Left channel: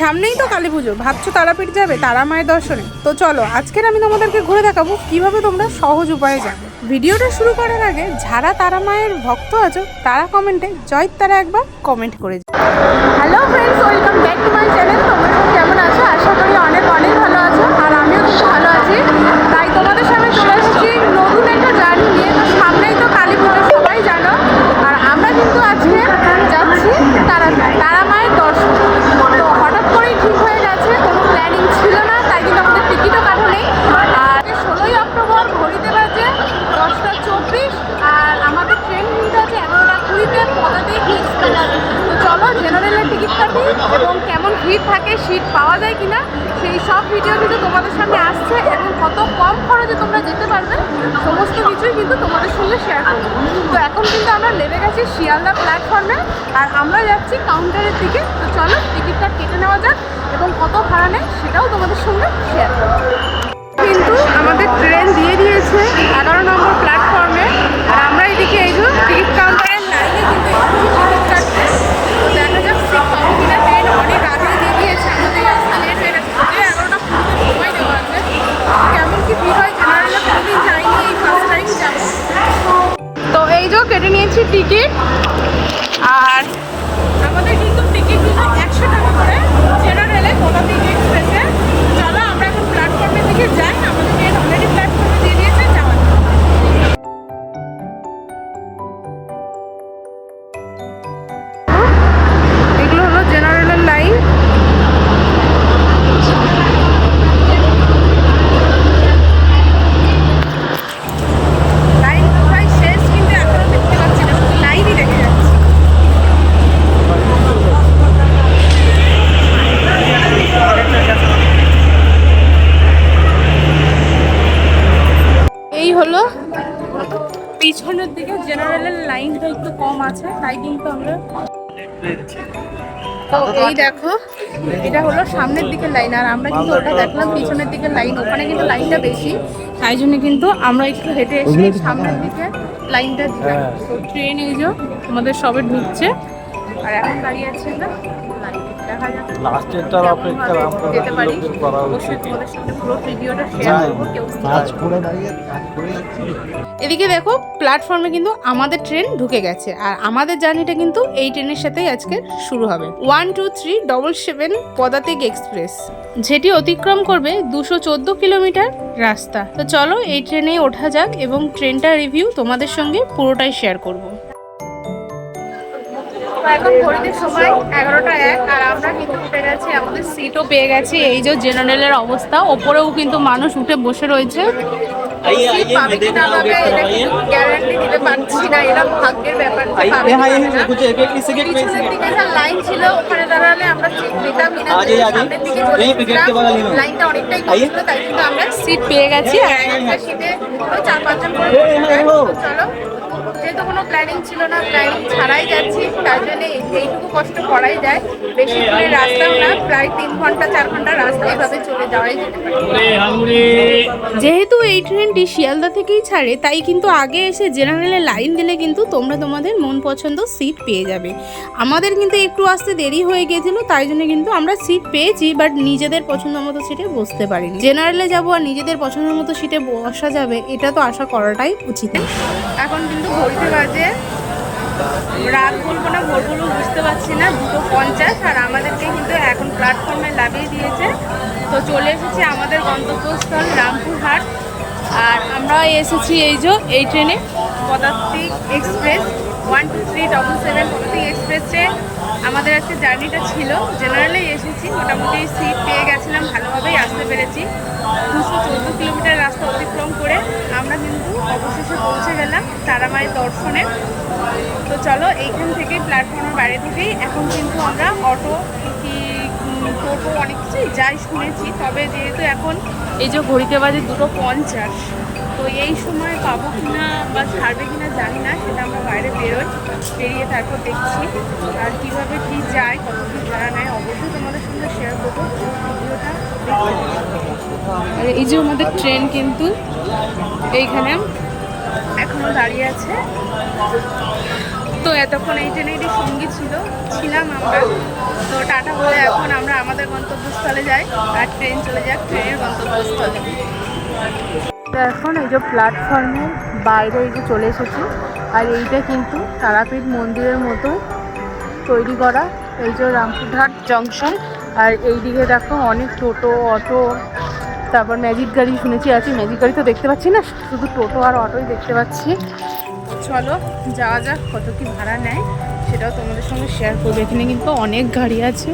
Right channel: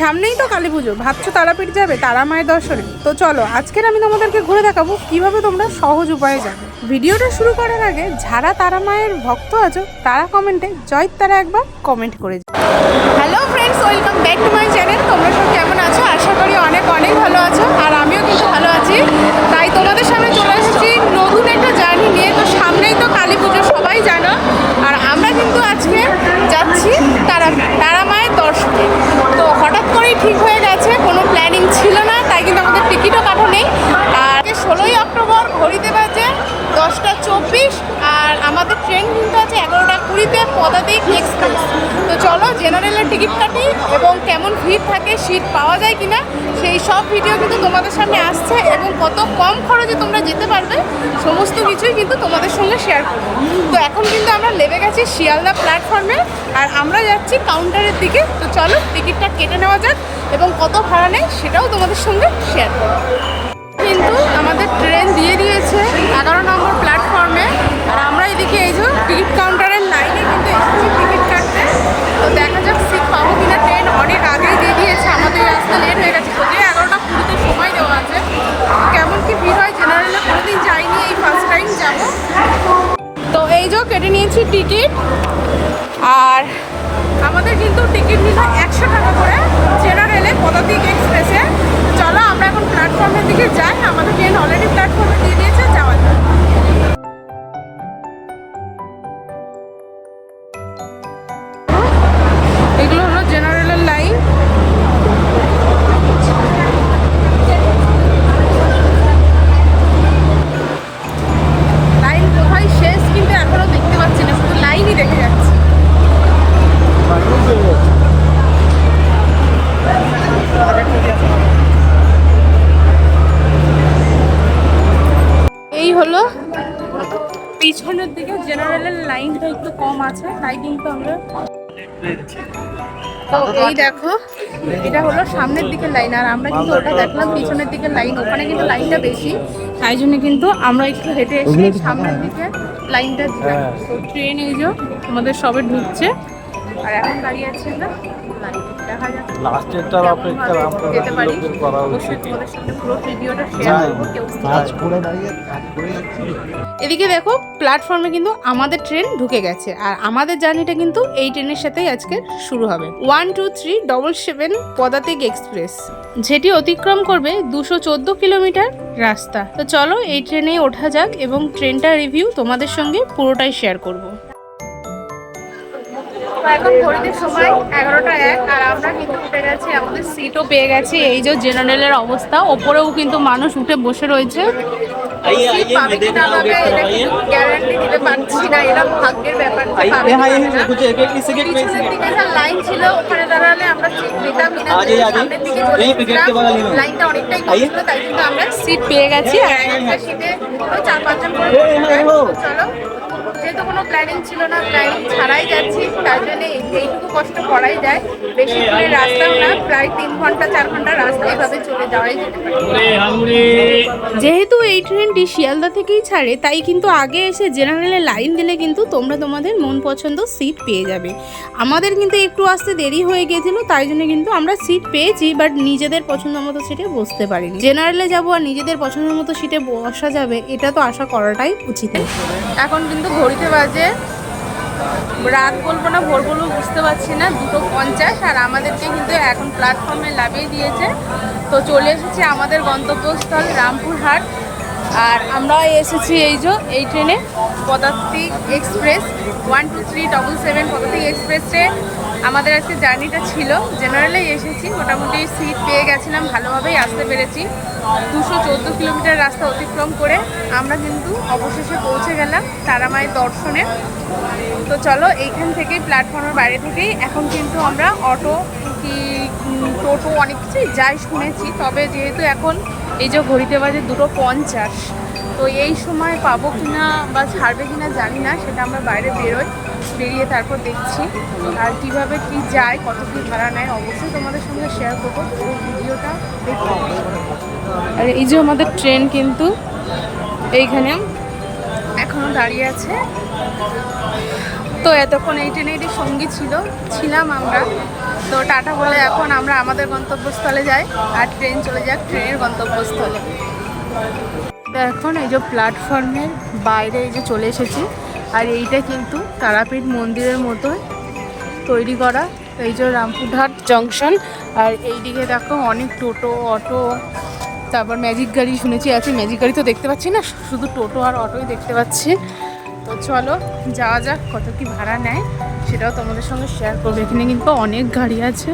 সামনেই তো কালী পুজো, ভাবছো তারাপীঠ যাবে তারা মায়ের দর্শনে? তো চলো আজকের আমি তোমাদেরকে ঘুরে দেখাবো কিভাবে তোমরা সহজ উপায়ে যাবে। ভিডিওটা শুরু করার আগে যারা তারা মায়ের ভক্ত আছো তারা কমেন্টে জয় তারা একবার কমেন্ট করে। Hello friends, welcome back to my channel. তোমরা সব কেমন আছো? আশা করি অনেক অনেক ভালো আছো, আর আমিও কিন্তু ভালো আছি। তাই তোমাদের সামনে চলে এসেছি নতুন একটা জার্নি নিয়ে। তো সামনেই তো কালী পুজো, সবাই জানো। আর আমরা কিন্তু আজকে যাচ্ছি তারা মায়ের দর্শনে। তো হঠাৎ করেই ঠিক হয়ে গেছে, কোনো প্ল্যানিং ছিল না, তাই কিন্তু আমাদের টিকিটও কাটা নেই। আর 16ই অক্টোবর, ঘড়িতে বাজে 10:24, আর আমাদের ট্রেন কিন্তু আছে 11:20 পদাতিক এক্সপ্রেস। তো চলো জেনারেলের টিকিট কাটি এবং কেমন ভিড় থাকে, সিট পাওয়া যায় কিনা, সেই সব ভিডিও কিন্তু তোমাদের সামনে আসছে, এবং কত কম খরচে তোমরা যেতে পারবে সমস্ত কিছুই কিন্তু তোমাদের সঙ্গে শেয়ার করবো। তো এখন কিন্তু আমরা নেমে গেছি শিয়ালদা প্ল্যাটফর্মে, আর আমরা যাচ্ছি কাউন্টারের দিকে। তো চলো টিকিটটা কেটে নেওয়া যাক এবং কত ভাড়া নেয় সেটাও তোমাদের সঙ্গে শেয়ার করবো। কিন্তু আমাদের ট্রেন দিয়ে দিয়েছে 11 নম্বর প্ল্যাটফর্মে, আর আমরা এদিকে এই যে টিকিট কাউন্টারের লাইনে কিন্তু এসেছি টিকিট কাটতে। তো দেখা যাক সিট পাবো কিনা। ট্রেন অনেক আগেই দিয়ে দিয়েছে, আমাদের আসতে লেট হয়ে গেছে। তো 11:20 সময় দেওয়া আছে। কেমন কি ভিড় হয়, জেনারেলে কোনোদিন যাইনি, এই ফার্স্ট টাইম যাবো। তো এই যে কেটে নিয়েছি টিকিট, আর আমাদের কিন্তু টিকিট দিল 100 টাকা করে জেনারেলে পদাতিক এক্সপ্রেসে। চলো আমরা এখন প্ল্যাটফর্মের দিকে যাই, আমাদের ট্রেন অলরেডি প্ল্যাটফর্মে দিয়ে দিয়েছে, যাওয়া যাক। এগুলো হলো জেনারেলের লাইন। লাইন কোথায় শেষ কিন্তু এখনো দেখতে পাচ্ছি না, শুধু লাইনই দেখে যাচ্ছি। এই হলো পিছনের দিকে জেনারেলের লাইনটা একটু কম আছে, তাই কিন্তু আমরা। তো এই দেখো, এটা হলো সামনের দিকের লাইন, আর আমরা কিন্তু ওটা দেখলাম পিছনের দিকের লাইন, ওখানে কিন্তু লাইনটা বেশি, তাই জন্য কিন্তু আমরা একটু হেঁটে এসে সামনের দিকে লাইনটা দিলাম। তো ট্রেন এই যে আমাদের সবে ঢুকছে, আর এখন দাঁড়িয়ে আছে না লাইন, দেখা যাক যেতে পারি। অবশ্যই তোমাদের সাথে পুরো ভিডিওটা শেয়ার করবো, কেউ এদিকে দেখো প্ল্যাটফর্মে কিন্তু আমাদের ট্রেন ঢুকে গেছে, আর আমাদের জার্নিটা কিন্তু এই ট্রেনের সাথেই আজকে শুরু হবে। 12377 পদাতিক এক্সপ্রেস, যেটি অতিক্রম করবে 214 কিলোমিটার রাস্তা। তো চলো এই ট্রেনে ওঠা যাক এবং ট্রেনটার রিভিউ তোমাদের সঙ্গে পুরোটাই শেয়ার করব। এখন ঘড়িতে সময় 11:01, আর আমরা কিন্তু উঠে গেছি, আমাদের সিটও পেয়ে গেছি। এই যে জেনারেলের অবস্থা, ওপরেও কিন্তু মানুষ উঠে বসে রয়েছে। গ্যারান্টি দিতে পারছি না, এরা ভাগ্যের ব্যাপার। লাইন ছিল, ওখানে দাঁড়ালে আমরা সিট পেতাম কিনা, সামনের দিকে চলে গেছিলাম, লাইনটা অনেকটাই কম ছিল, তাই কিন্তু আমরা সিট পেয়ে গেছি। আর একটা সিটে 4-5 জন করে চলো, যেহেতু কোনো প্ল্যানিং ছিল না, প্ল্যানিং ছাড়াই যাচ্ছি, তার জন্য এইটুকু কষ্ট করাই যায়। বেশি দূরে রাস্তাও না, প্রায় 3 ঘন্টা 4 ঘন্টা রাস্তা এভাবে চলে যাওয়াই যেতে পারে। যেহেতু এই ট্রেনটি শিয়ালদা থেকেই ছাড়ে, তাই কিন্তু আগে এসে জেনারেলে লাইন দিলে কিন্তু তোমরা তোমাদের মন পছন্দ সিট পেয়ে যাবে। আমাদের কিন্তু একটু আসতে দেরি হয়ে গেছিল, তাই জন্য কিন্তু আমরা সিট পেয়েছি, বাট নিজেদের পছন্দ মতো সিটে বসতে পারিনি। জেনারেলে যাবো আর নিজেদের পছন্দের মতো সিটে বসা যাবে, এটা তো আশা করাটাই উচিত। এখন কিন্তু ঘড়িতে বাজে, রাত বলবো না ভোর বলবো বুঝতে পারছি না, 2:50, আর আমাদেরকে কিন্তু এখন প্ল্যাটফর্মে নামিয়ে দিয়েছে। তো চলে এসেছি আমাদের গন্তব্যস্থল রামপুরহাট, আর আমরা এসেছি এই যে এই ট্রেনে পদাতিক এক্সপ্রেস 12377 পদাতিক এক্সপ্রেসে আমাদের আজকে জার্নিটা ছিল। জেনারেলেই এসেছি, মোটামুটি সিট পেয়ে গেছিলাম, ভালোভাবেই আসতে পেরেছি। 214 কিলোমিটার রাস্তা অতিক্রম করে আমরা কিন্তু অবশেষে পৌঁছে গেলাম তারা মায়ের দর্শনে। তো চলো এইখান থেকেই প্ল্যাটফর্মের বাইরে থেকেই এখন কিন্তু আমরা অটো কি টোটো অনেক কিছুই যাই শুনেছি, তবে যেহেতু এখন এই যে ঘড়িতে বাজে 2:50, তো এই সময় পাবো কিনা বা ছাড়বে কিনা জানি না, সেটা আমরা বাইরে বেরিয়ে তারপর দেখছি। আর কিভাবে কি যায়, কত কি ভাড়া নেয়, অবশ্যই তোমাদের সঙ্গে শেয়ার করবো, পুরো ভিডিওটা দেখতে। আর এই যে আমাদের ট্রেন কিন্তু এইখানে এখনো দাঁড়িয়ে আছে। তো এতক্ষণ এই ট্রেনেরই সঙ্গী ছিলাম আমরা। তো টাটা বলে এখন আমরা আমাদের গন্তব্যস্থলে যাই, আর ট্রেন চলে যাক ট্রেনের গন্তব্যস্থলে। এখন এই যে প্ল্যাটফর্মের বাইরে এই যে চলে এসেছি, আর এইটা কিন্তু তারাপীঠ মন্দিরের মতো তৈরি করা, এই যে রামপুরহাট জংশন। আর এইদিকে দেখো অনেক টোটো, অটো, তারপর ম্যাজিক গাড়ি শুনেছি আছে। ম্যাজিক গাড়ি তো দেখতে পাচ্ছি না, শুধু টোটো আর অটোই দেখতে পাচ্ছি। তো চলো যাওয়া যাক, কত কি ভাড়া নেয় সেটাও তোমাদের সঙ্গে শেয়ার করবো। এখানে কিন্তু অনেক গাড়ি আছে।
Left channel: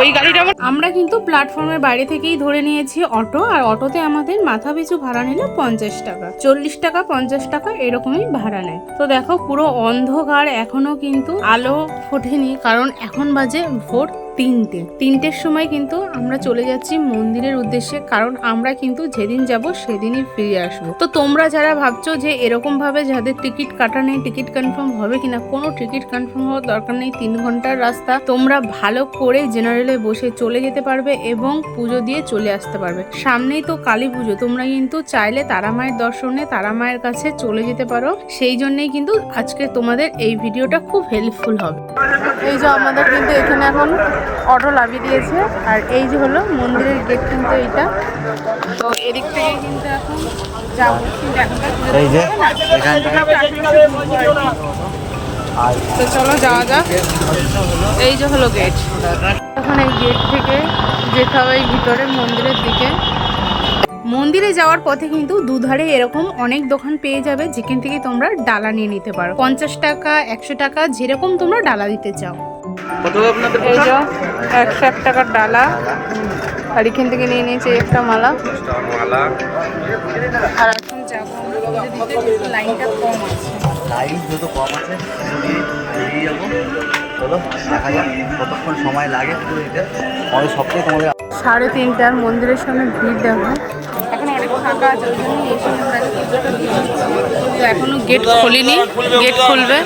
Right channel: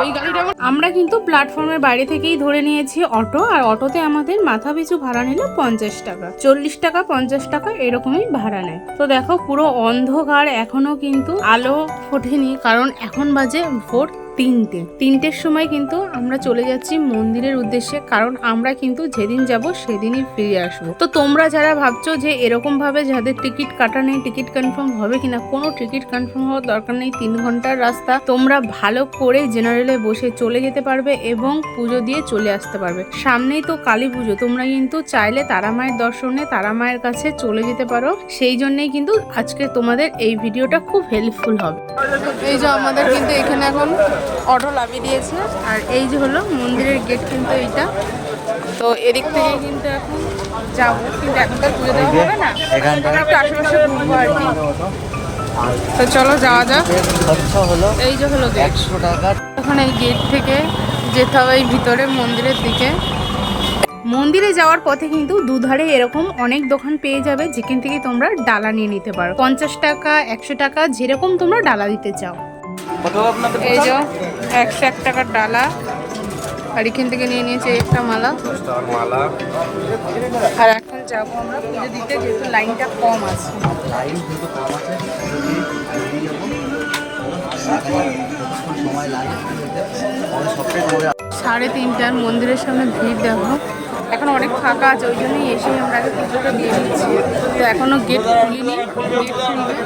ওই গাড়িটা আমরা কিন্তু প্ল্যাটফর্মের বাইরে থেকেই ধরে নিয়েছি অটো, আর অটোতে আমাদের মাথা পিছু ভাড়া নিল 50 টাকা, 40 টাকা 50 টাকা এরকমই ভাড়া নেয়। তো দেখো পুরো অন্ধকার, এখনো কিন্তু আলো ফোটেনি, কারণ এখন বাজে ভোর 3টের সময় কিন্তু আমরা চলে যাচ্ছি মন্দিরের উদ্দেশ্যে, কারণ আমরা কিন্তু যেদিন যাব সেদিনই ফিরে আসবো। তো তোমরা যারা ভাবছো যে এরকম ভাবে যাদের টিকিট কাটা নেই টিকিট কনফার্ম হবে কিনা, কোনো টিকিট কনফার্ম হওয়ার দরকার নেই। 3 ঘন্টার রাস্তা, তোমরা ভালো করে জেনারেলে বসে চলে যেতে পারবে এবং পুজো দিয়ে চলে আসতে পারবে। সামনেই তো কালী পুজো, তোমরা কিন্তু চাইলে তারা মায়ের দর্শনে তারা মায়ের কাছে চলে যেতে পারো। সেই জন্যই কিন্তু আজকে তোমাদের এই ভিডিওটা খুব হেল্পফুল হবে। এই যে আমাদের কিন্তু এখানে এখন অটো লাভিয়ে দিয়েছে, আর এই যে হলো মন্দিরের গেট কিন্তু এইটা। তো এদিক থেকে কিন্তু এখন যাবো, কিন্তু এখন তো পুজো দেওয়া হবে না, আমরা একটু আশেপাশে ঘুরবো আর কি। তো চলো যাওয়া যাক। এই যে হলো গেট, এখন এই গেট থেকে যেতে হবে এই ভিতরে মন্দিরের দিকে। মন্দিরে যাওয়ার পথে কিন্তু দুধারে এরকম অনেক দোকান পেয়ে যাবে, যেখান থেকে তোমরা ডালা নিয়ে নিতে পারো। 50 টাকা 100 টাকা যেরকম তোমরা ডালা দিতে চাও। এই যে 101 টাকার ডালা, আর এখান থেকে নিয়ে নিয়েছি একটা মালা। আর এখন যাবো আমরা পুজো দিতে, যেহেতু লাইনটা কম আছে। 3:30 মন্দিরের সামনে ভিড় দেখো, এখন অনেক ফাঁকা আছে, ওই জন্যই এসে আমরা আগে পুজোটা দিয়ে দিচ্ছি। এখনো গেট খুলিনি, গেট খুলবে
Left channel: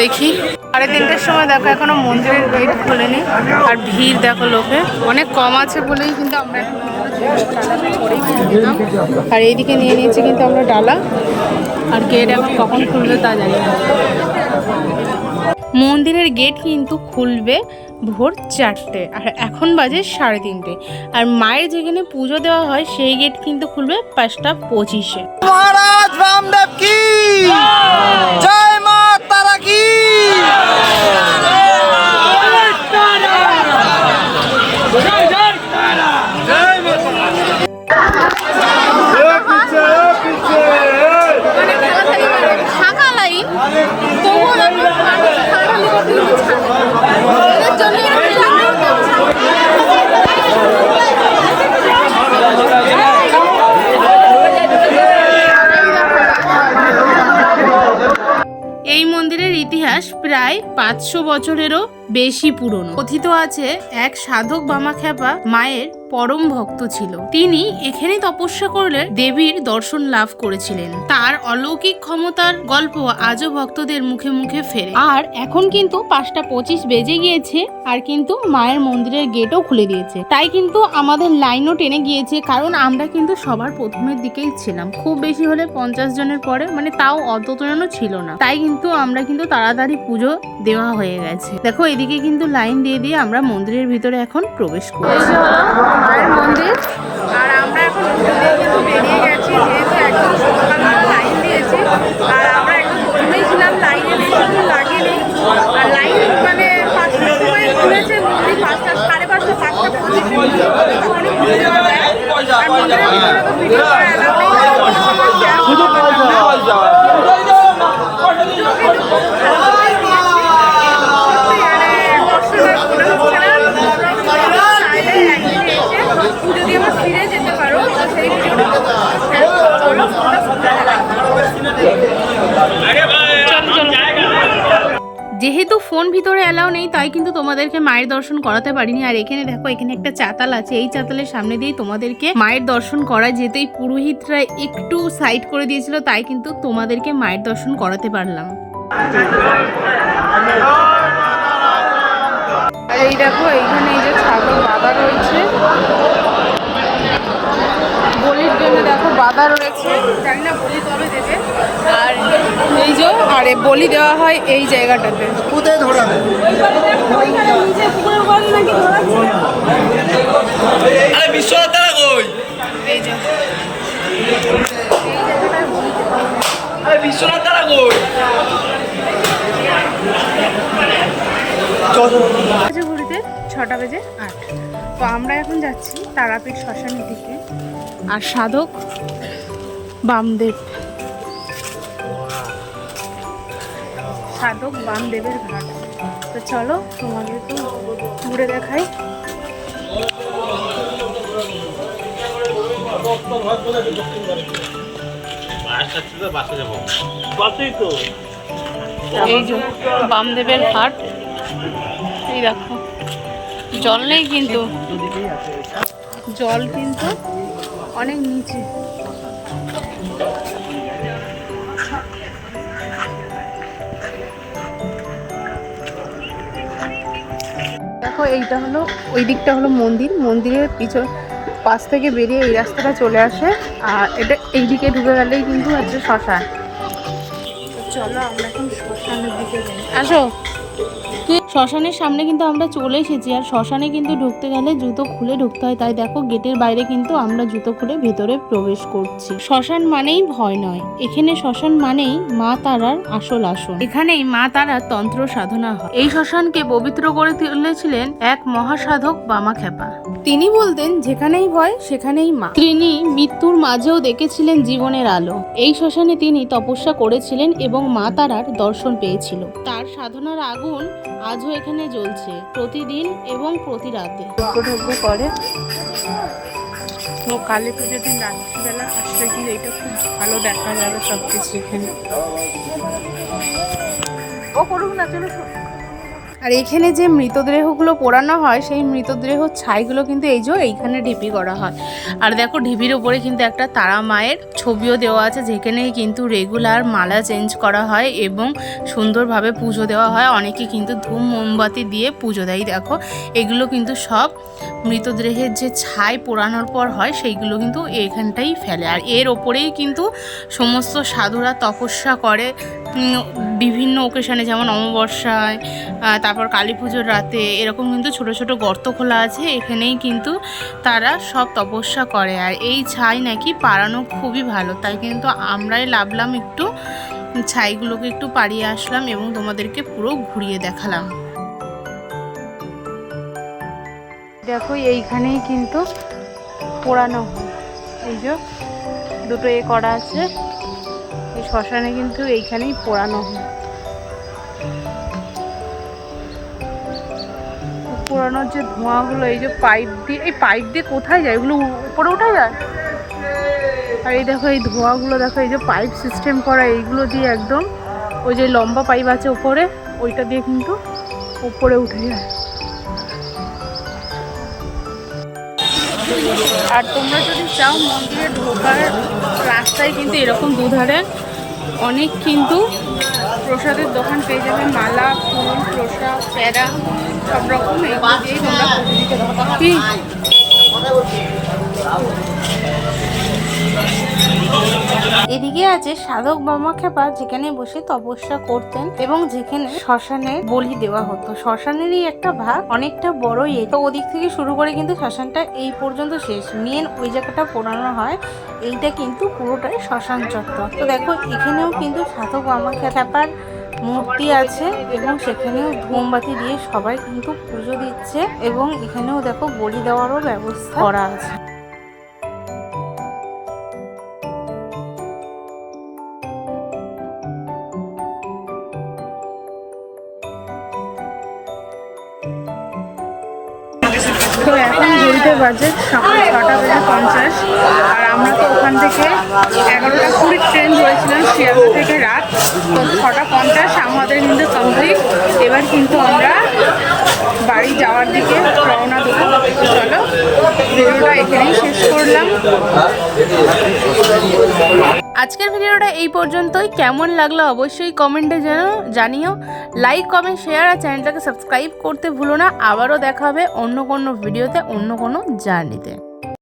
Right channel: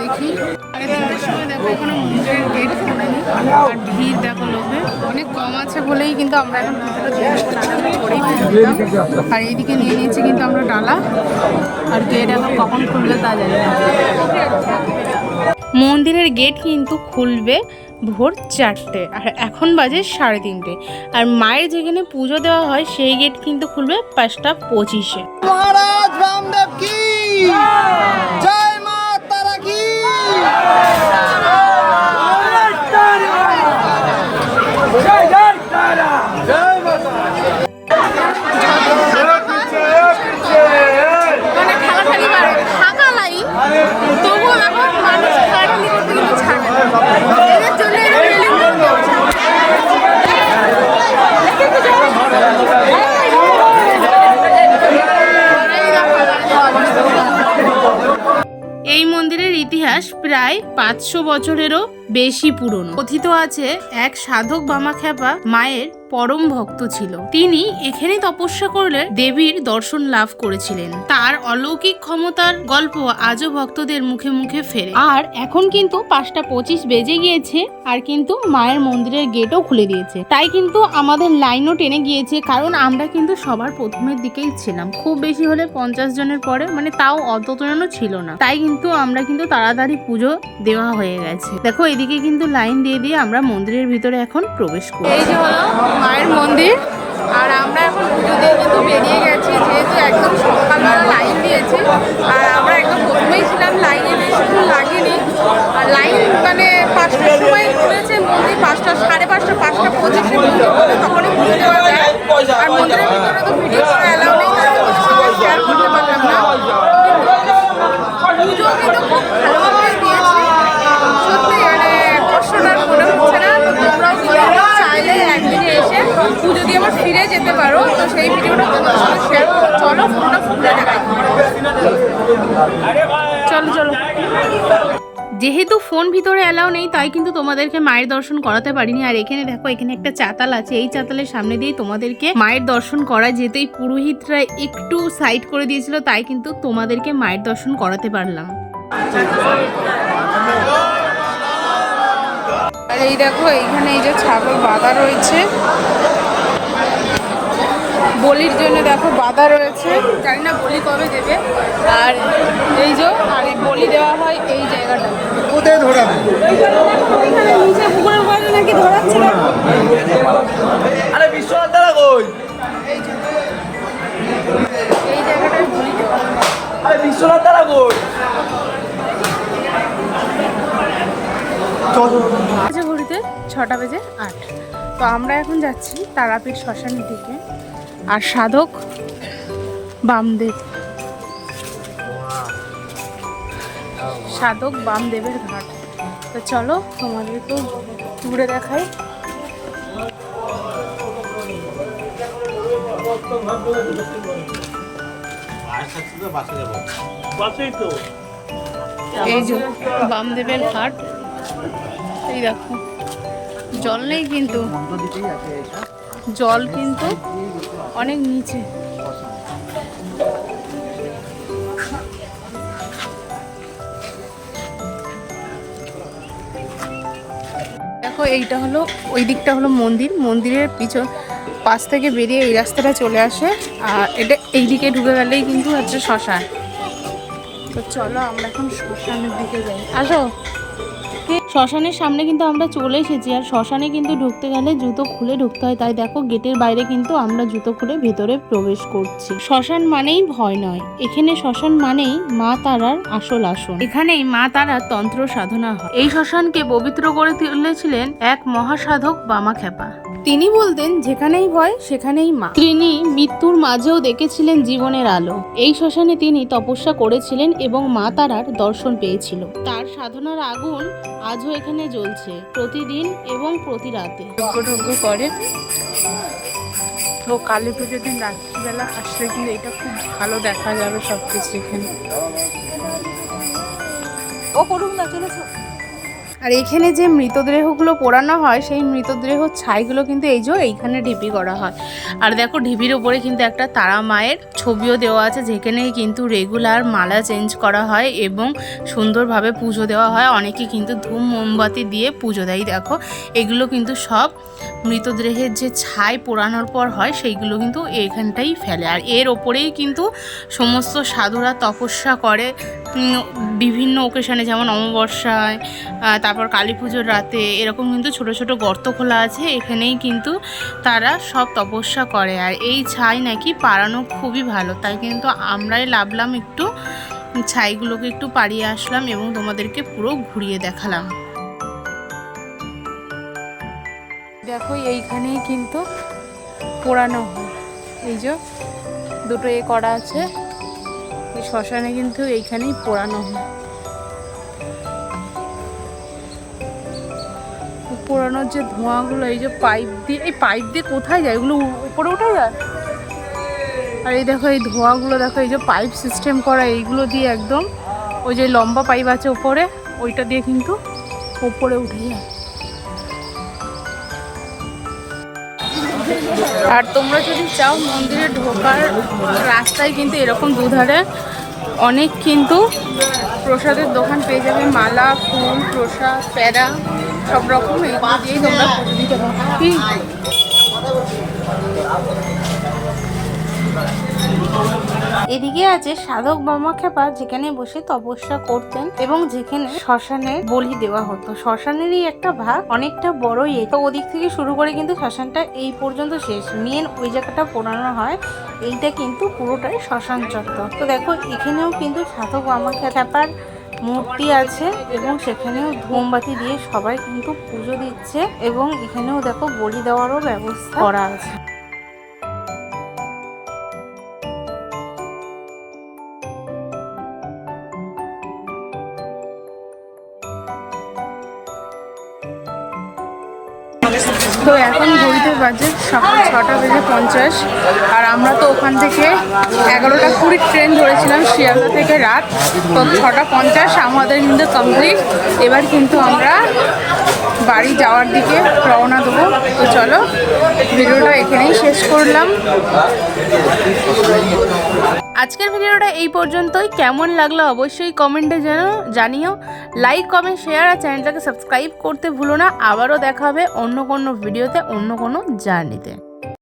দেখি 3:30টার সময়। দেখো এখনো মন্দিরের গেট খোলেনি, আর ভিড় দেখো লোকের অনেক কম আছে বলেই কিন্তু আমরা এখন পুজোটা দিয়ে দেবো, নাহলে আমরা পরেই পুজো দিতাম। আর এইদিকে নিয়ে নিয়েছি কিন্তু আমরা ডালা, আর গেট এখন কখন খুলবে তা জানি না। মন্দিরের গেট কিন্তু খুলবে ভোর 4টে, আর এখন বাজে 3:30। আর মায়ের যেখানে পুজো দেওয়া হয় সেই গেট কিন্তু খুলবে 5:25-এ। মানে ঠেলাঠালি থাকা লাইন, তবুও দেখো মানুষ ঠেলাঠালি করতে কিন্তু ছাড়বে না, এদের জন্য এরকম ব্যবস্থা। এই মন্দিরের ইতিহাস প্রায় 500 বছরেরও বেশি পুরনো। কথিত আছে এক সাধক বামাখ্যাপা মায়ের পরম ভক্ত ছিল। তিনি এখানে তপস্যা করলে দেবীর দর্শন লাভ করেছিলেন। তার অলৌকিক ক্ষমতার গল্প আজও ভক্তদের মুখে মুখে ফেরে। আর এখন কিন্তু 5:25 বেজে গিয়েছে, আর কিন্তু মায়ের মন্দিরের গেটও খুলে দিয়েছে। তাই কিন্তু আমাদের লাইনও টেনে গিয়েছে, কারণ আমরা কিন্তু সবার প্রথমের দিকেই ছিলাম। খুব বেশি হলে 50 জনের পরে, মানে তাও অতজনও ছিল না। তাই কিন্তু আমরা কিন্তু তাড়াতাড়ি পুজো দেওয়া হয়ে গেছে। দেখো এদিকে কিন্তু লাইন দিয়ে দিয়ে আমরা মন্দিরের ভিতরে এখন প্রবেশ করি। এই যে হলো মায়ের মন্দির, আর আমরা এখন পুজো দিয়ে কিন্তু বেরিয়ে গেছি, যেহেতু একদম সকালবেলা লাইন দিয়েছে। আর আমরা একদম প্রথমেই ছিলাম লাইনে, বেশিক্ষণ লাগেনি। আর লাইন মানে 5টার সময় খুলেছে মন্দির, 5টা 5:30 5:25-এ পুজো করে, তখনই পুজো দেওয়া যায়। আর মন্দিরের ভিতরে তো ভিডিও করা অ্যালাউ নেই, শেয়ার করতে পারলাম না। পুজো কিন্তু খুব ভালোভাবেই দিয়েছি, সত্যি মানে কষ্টটা মনে হচ্ছে না। তো তোমরাও চাইলে একদিনে এসে পুজো দিয়ে আবার ফিরে যেতে পারো। তো সেই ভিডিওটা তোমাদের সঙ্গে শেয়ার করো, চলো পুরোটা ঘুরে দেখাই। চলো চলো। যেহেতু ফোন ভিতরে অ্যালাউ নেই, তাই কিন্তু তোমাদেরকে মায়ের দর্শন করাতে পারিনি। আর এখানে দেখো, এখানে একটা চাতাল আছে, এই চাতালের সামনে দিয়ে তোমাদেরকে মায়ের দর্শন করায়। যেহেতু এই পুরোহিতরা একটু সাইড করে দিয়েছিল, তাই কিন্তু তোমাদেরকে মায়ের দর্শন করাতে পারলাম। এই দেখো, এইখানে এই যে ছাগল বাঁধা রয়েছে, বলির জন্য দেখো বাধা রয়েছে, জানি না বলি কবে দেবে। আর এই যে আর বলি দেওয়া হয় এই জায়গাটাতে। এই যে এই জায়গাটায় বলি দেওয়া হয়। ঘড়িতে 6টা বেজে 8। তো আমরা এখন যাচ্ছি তারাপীঠ শ্মশানের দিকে। আর সাধক বামদেবের ঘাট। তো চলো তোমাদের তো ঘুরে দেখাই। এই যে বামদেবের ঘাট, এই দেখো জল নেই কিন্তু জল কিন্তু অনেক নিচে। দেখো এইটা হলো, ওই দিকটা হলো মন্দির। মন্দিরের পাশ থেকে বেরিয়ে এই রাস্তাটা চলে আসে। আর এটা এইদিকে ঢুকে গেলেই কিন্তু হচ্ছে শ্মশান। তো চলো আমরা এখন শ্মশানের দিকে যাই। আসো। শ্মশানের সামনে কিন্তু আমরা চলে এসেছি। আর শ্মশানে কিন্তু ঢুকতে গেলে জুতো খুলে ঢুকতে হয়। তাই দেখো গেটের বাইরে কিন্তু আমরা জুতো খুলে ভেতরে প্রবেশ করছি। শ্মশান মানেই ভয় নয়, এখানে শ্মশান মানেই মা তারার আসল আসন। এখানেই মা তারার তন্ত্র সাধনা হয়। এই শ্মশানকে পবিত্র করে তুলেছিলেন এক মহাসাধক বামাখ্যাপা। তিনি বলতেন যেখানেই ভয় সেখানেই মা। তিনি মৃত্যুর মাঝেও দেখেছিলেন জীবনের আলো। এই শ্মশানে তিনি তপস্যা করেছিলেন এবং মা তারার দর্শন পেয়েছিল। তার সাধনার আগুন আজও এখানে জ্বলছে, প্রতিদিন এবং প্রতি রাতে। যজ্ঞ করে। তো কালী পুজোর দিন রাত্রিবেলা আসলে কি এটা খুব ভালো দেখা যাবে সবকিছু এখানে। ও করুক না, চলেছো। আর এখানে যে মৃতদেহগুলো পোড়ানো হয় সেই মৃতদেহ ছাইগুলো কিন্তু এই যে এইখানে ঢিপি করা হয়। আর দেখো ঢিপির উপরে কিন্তু একটা তারা মায়ের ছবিও দেওয়া আছে, যেখানে কিন্তু রেগুলার মালা চেঞ্জ করা হয় এবং সুন্দরভাবে পুজো দেওয়া হয়। অনেকে কিন্তু ধূপ মোমবাতি দিয়ে পুজো দেয়। দেখো এগুলো কিন্তু সব মৃতদেহের যে ছাই পোড়ানোর পর হয় সেইগুলো কিন্তু এখানটাই ফেলে। আর এর ওপরেই কিন্তু সমস্ত সাধুরা তপস্যা করে বিভিন্ন ওকেশনে, যেমন অমাবস্যায়, তারপর কালী পুজোর রাতে এরকম কিন্তু ছোট ছোট গর্ত খোলা আছে, এখানেই কিন্তু তারা সব তপস্যা করে। আর এই ছাই নাকি পাড়ানো খুবই ভালো, তাই কিন্তু আমরাই লাভলাম, একটু ছাইগুলোকে একটু পাড়িয়ে আসলাম এবং তোমাদেরকে পুরো ঘুরিয়ে দেখালাম। দেখো এইখানেই কিন্তু পোড়ানো হয়। এই যে দুটো করা আছে, শ্মশানে কিন্তু এইখানেই পোড়ানো হয়। পোড়ানোর যে ধোঁয়াগুলো, এই যে পাইপ দিয়ে কোথায় যায়, এগুলো উপরে উঠে যায়। আর এই দেখো এই ধোঁয়াগুলো দেখো, এই যে পাইপ সিস্টেম করা, এইগুলো দিয়ে একদম ওই যে লম্বা পাইপ আছে উপরে, ওইটা দিয়ে কিন্তু উপরে উঠে যায়। আর তোমরা যদি চাও মন্দিরে ঢোকার রাস্তায় কিন্তু এরকম দুধারে অনেক কিন্তু প্রসাদের দোকান পেয়ে যাবে। মালা, ফুল, প্রসাদ, প্যারা সব রকম এগুলো দিয়েই তোমরা পুজো দিতে পারো। এদিকে আছে সাধক বামাখ্যাপা, যেখানে বসে তপস্যা করতেন এবং যেখানে শ্মশানে বলি দেওয়া হতো। শ্মশানেরই একটা ভাগ, অনেকটা বড়ই। তো ওদিক থেকে শুরু করে কিন্তু শ্মশানটা এই পর্যন্ত শেষ। মেন ওই জায়গাটা পোড়ানো হয়, এইটা কিন্তু পুরোটাই শ্মশান চত্বর। তো দেখো এখানেও কিন্তু সাধক বামাখ্যাপার মূর্তি আছে এবং সেখানেও মোমবাতি দিয়ে সবাই কিন্তু পুজো দিচ্ছে এবং এখানেও দেখো বলি দেওয়ারও ব্যবস্থা করা আছে। তো এখন ঘড়িতে বাজে সকাল 6:50। আর আমরা তো ওখান থেকে 11:20 ট্রেন ধরেছিলাম শিয়ালদা থেকে রাত। তো 6:50 আমাদের কিন্তু কমপ্লিট। এবার কিন্তু আমরা বাড়ি যাওয়ার দিকে রওনা দেবো। তো চলো ভিডিওটা এখানেই শেষ করলাম। আজকের ভিডিওটা এই পর্যন্তই। কেমন লাগলো অবশ্যই কমেন্টে জানিও। লাইক, কমেন্ট, শেয়ার আর চ্যানেলটাকে সাবস্ক্রাইব করতে ভুলো না। আবারও দেখা হবে অন্য কোনো ভিডিওতে, অন্য কোনো জার্নিতে।